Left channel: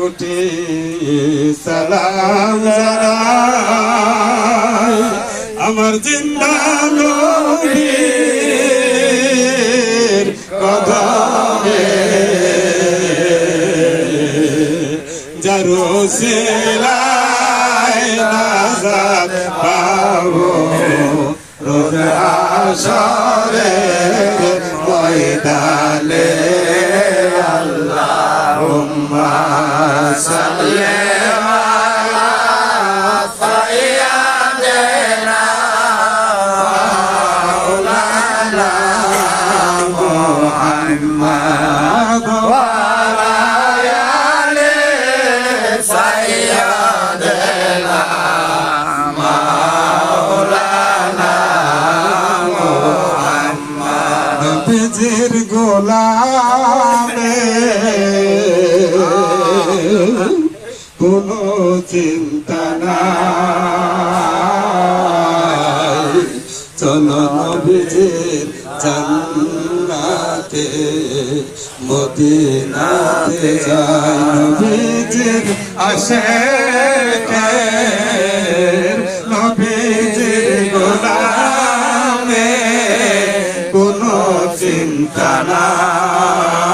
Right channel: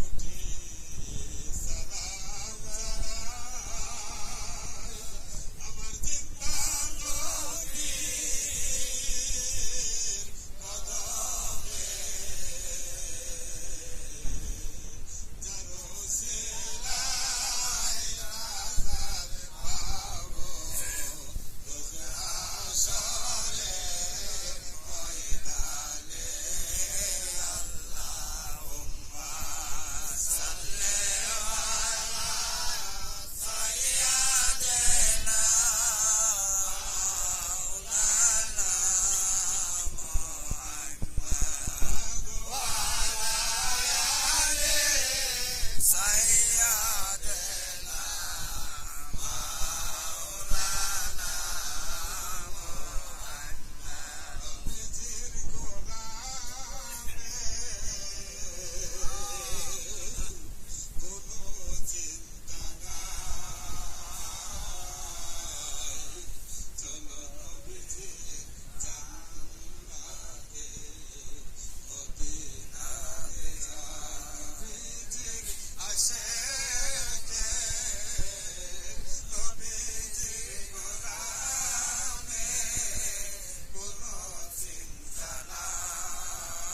কোটি সালাম জানাই আমার জিন্দা নবীর কদমে যার ওসিলায় নাজাত পাবো রোজ হাশরের ময়দানে আল্লাহুম্মা সাল্লি আলা সাইয়্যিদিনা মাওলানা মুহাম্মদ ওয়া আলা আলি সাইয়্যিদিনা মাওলানা মুহাম্মদ নবীজির গোলামে কোনো চিন্তা নাই চলো নবীজির জান্নাতে মদিনাতে যাই নবীজির আশিকে নবীজির গোলামে কোনো চিন্তা নাই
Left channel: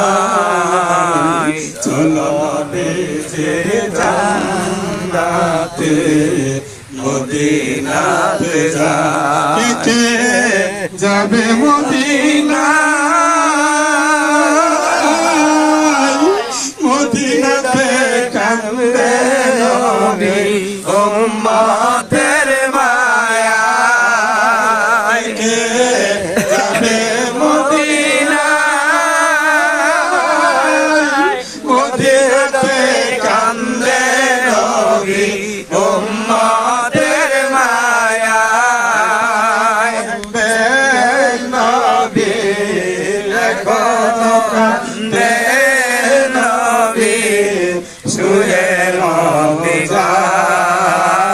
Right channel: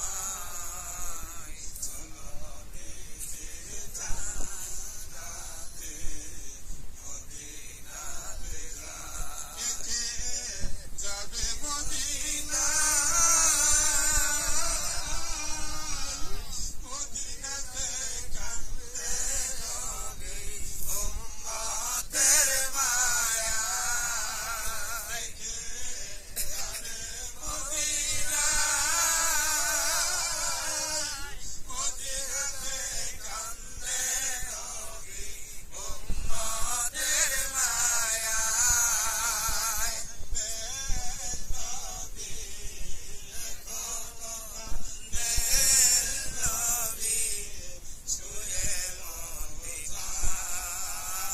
চলো নবীজির জান্নাতে মদিনাতে যাই কে যাবে মদিনাতে কান্দে নবী উম্মতের মায়ায় কে যাবে মদিনাতে কান্দে নবী উম্মতের মায়ায় নবী এখনো কান্দে নবী শুয়ে নবী যায়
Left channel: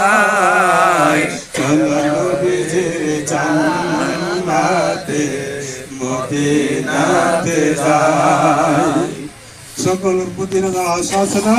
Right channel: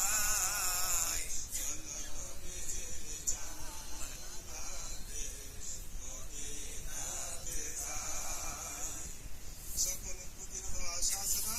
চলো নবীজির জান্নাতে মদিনাতে যাই সকল মদিনা আশা আছে না।